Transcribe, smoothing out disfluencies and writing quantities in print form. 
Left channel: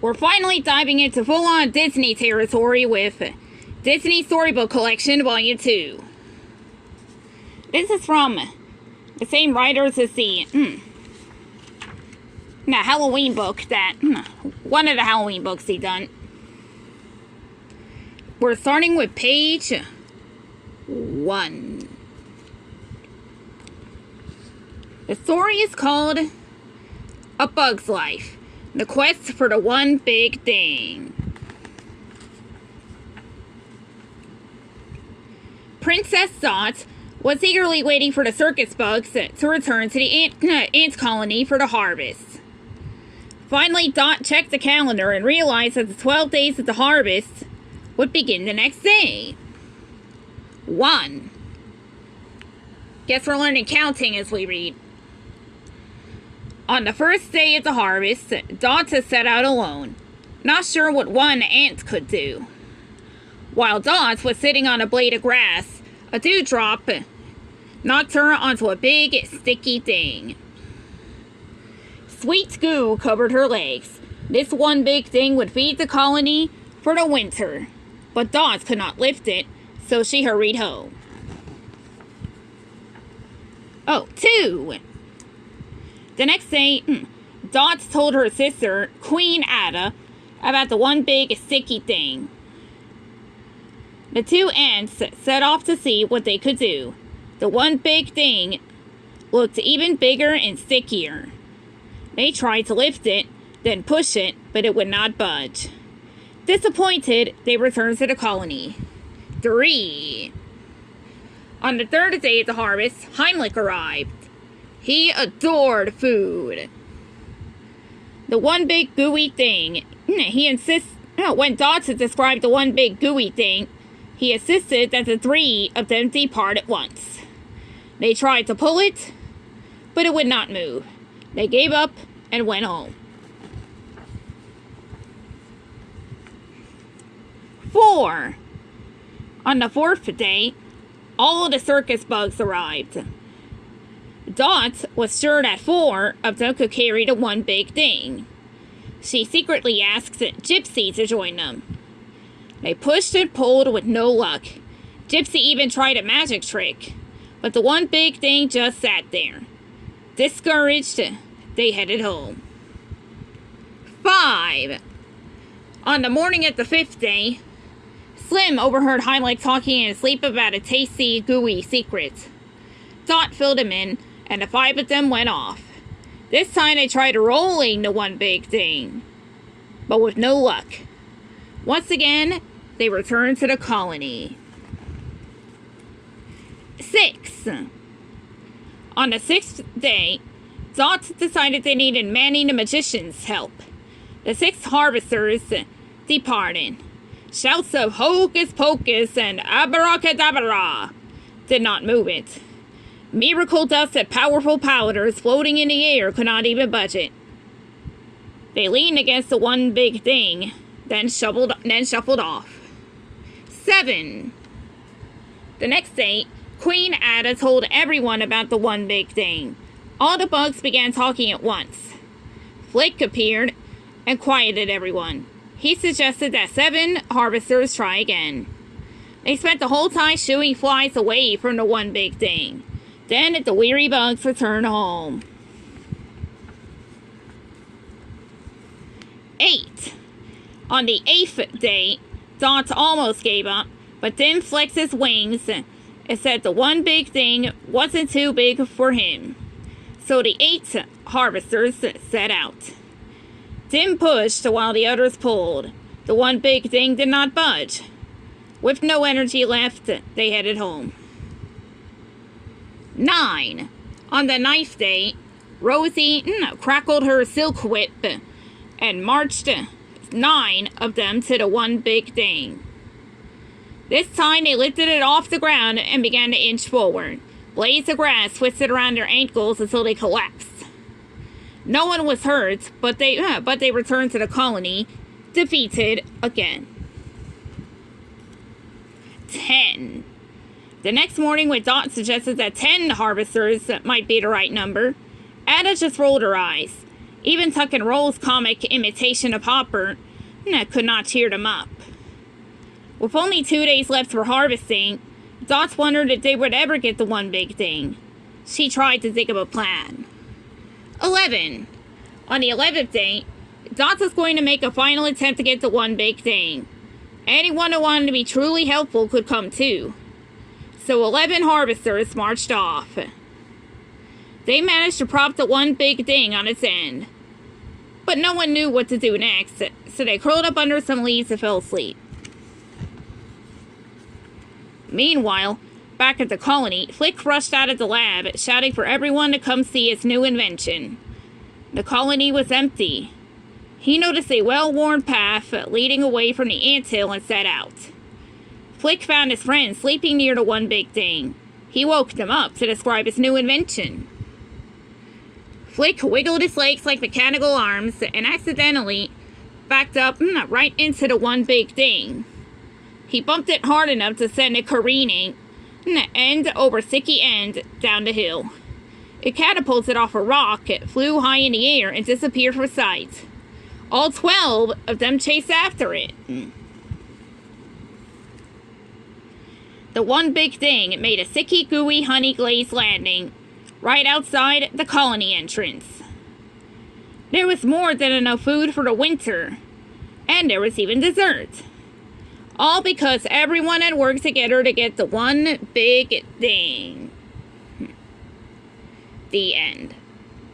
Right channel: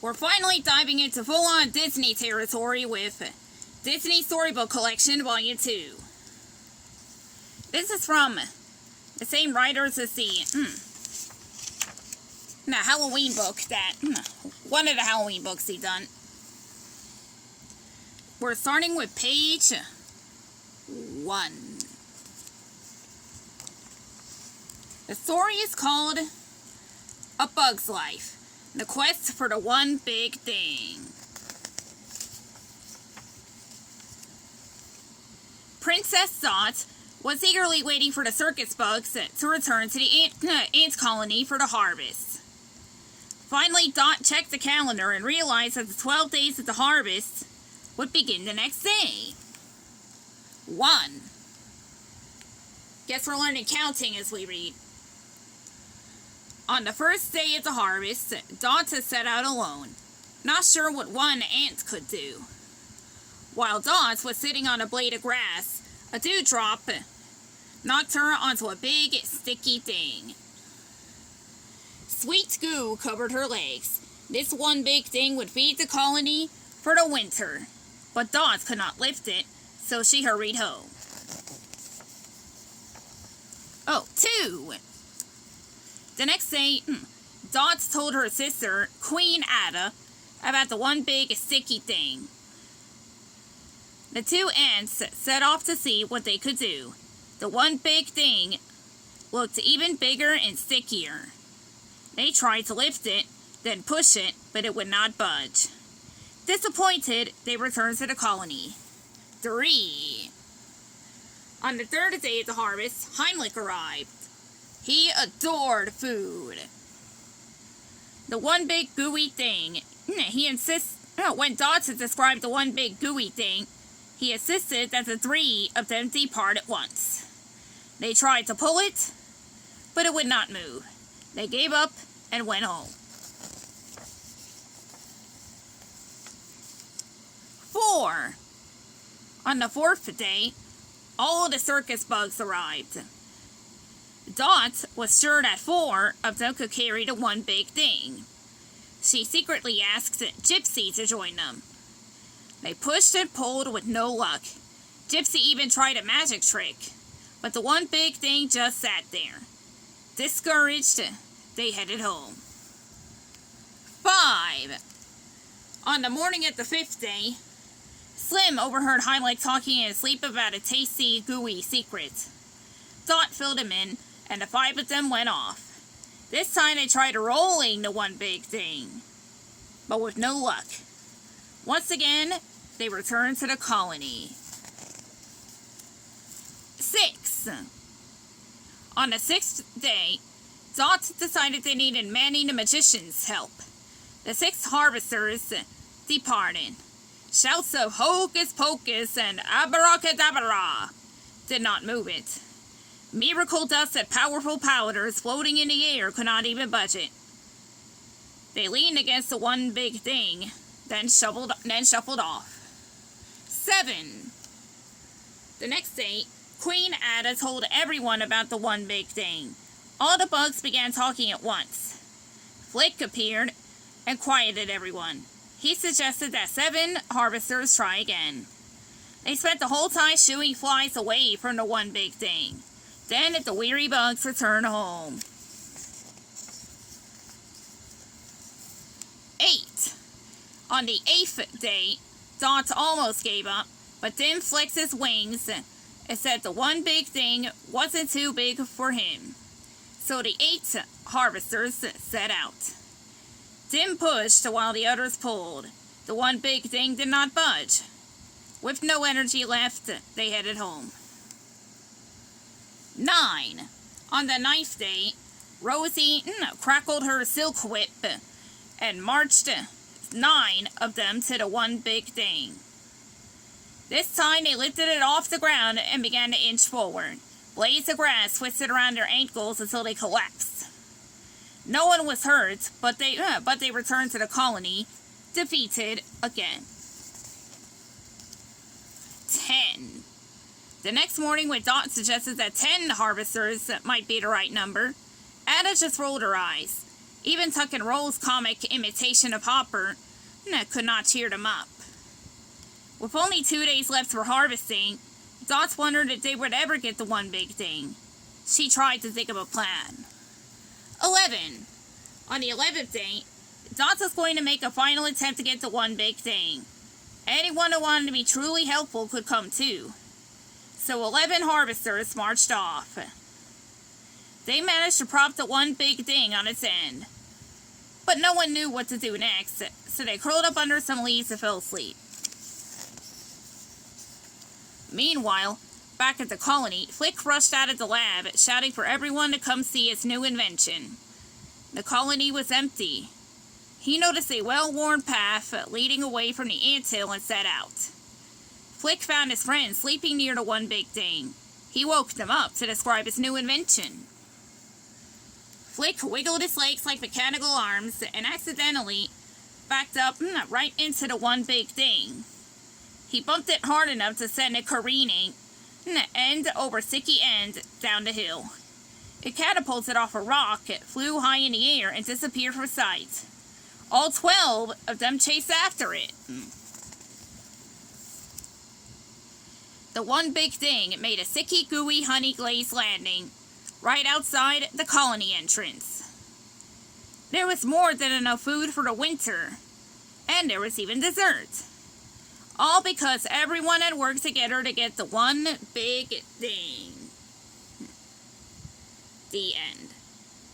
We're finally diving into full-on Disney territory with Disney Storybook Collection Volume 2. This is from the same writers as the Halloween book one of the Halloween books he done. We're starting with page 1. The story is called A Bug's Life. The quest for the one big thing. Princess Dot was eagerly waiting for the circus bugs to return to the ant colony for the harvest. Finally, Dot checked the calendar and realized that the 12 days of the harvest would begin the next day. 1. Guess we're learning counting as we read. On the first day of the harvest, Dot set out alone, not sure what one ant could do. While Dot was sitting on a blade of grass, a dewdrop knocked her onto a big, sticky thing. Sweet goo covered her legs. This one big thing would feed the colony for the winter, but Dot could not lift it, so she hurried home. 2. The next day, Dot told her sister, Queen Ada, about the one big sticky thing. The two ants set off to see what they could do. The one big thing looked even bigger and stickier. They tried to lift it, then push it, but it would not budge. Disappointed, they returned to the colony. 3. On the third day of the harvest, Heimlich arrived. He adored food. The one big gooey thing. When Dot described the one big gooey thing, he insisted that the three of them depart at once. They tried to pull it, but it would not move. They gave up and went home. 4. On the fourth day, all of the circus bugs arrived. Dot was sure that 4 of them could carry the one big thing. She secretly asked Gypsy to join them. They pushed and pulled with no luck. Gypsy even tried a magic trick, but the one big thing just sat there. Discouraged, they headed home. 5. On the morning of the 5th day, Slim overheard Heimlich talking in his sleep about a tasty, gooey secret. Dot filled him in, and the 5 of them went off. This time they tried rolling the one big thing, but with no luck. Once again, they returned to the colony. 6. On the 6th day, Dot decided they needed Manny the Magician's help. The 6 harvesters departed. Shouts of hocus pocus and abracadabra did not move it. Miracle dust and powerful powders floating in the air could not even budge it. They leaned against the one big thing, then shuffled off. 7. The next day, Queen Ada told everyone about the one big thing. All the bugs began talking at once. Flick appeared and quieted everyone. He suggested that 7 harvesters try again. They spent the whole time shooing flies away from the one big thing. Then the weary bugs returned home. 8. On the 8th day, Dot almost gave up, but then flexed his wings and said the one big thing wasn't too big for him. So the 8 harvesters set out. Tim pushed while the others pulled. The one big thing did not budge. With no energy left, they headed home. 9. On the 9th day, Rosie crackled her silk whip and marched 9 of them to the one big thing. This time they lifted it off the ground and began to inch forward. Blades of grass twisted around their ankles until they collapsed. No one was hurt, but they returned to the colony, defeated again. 10. The next morning, when Dot suggested that 10 harvesters might be the right number, Ada just rolled her eyes. Even Tuck and Roll's comic imitation of Hopper could not cheer them up. With only 2 days left for harvesting, Dot wondered if they would ever get the one big thing. She tried to think of a plan. 11. On the 11th day, Dot was going to make a final attempt to get the one big thing. Anyone who wanted to be truly helpful could come too. So 11 harvesters marched off. They managed to prop the one big thing on its end. But no one knew what to do next, so they curled up under some leaves and fell asleep. Meanwhile, back at the colony, Flick rushed out of the lab, shouting for everyone to come see his new invention. The colony was empty. He noticed a well-worn path leading away from the anthill and set out. Flick found his friend sleeping near the one big thing. He woke them up to describe his new invention. Flick wiggled his legs like mechanical arms and accidentally backed up right into the one big thing. He bumped it hard enough to send it careening end over sticky end down the hill. It catapulted off a rock, flew high in the air, and disappeared from sight. All 12 of them chased after it. The one big thing made a sticky, gooey, honey-glazed landing right outside the colony entrance. There was more than enough food for the winter, and there was even dessert. All because everyone had worked together to get the one big thing. The end.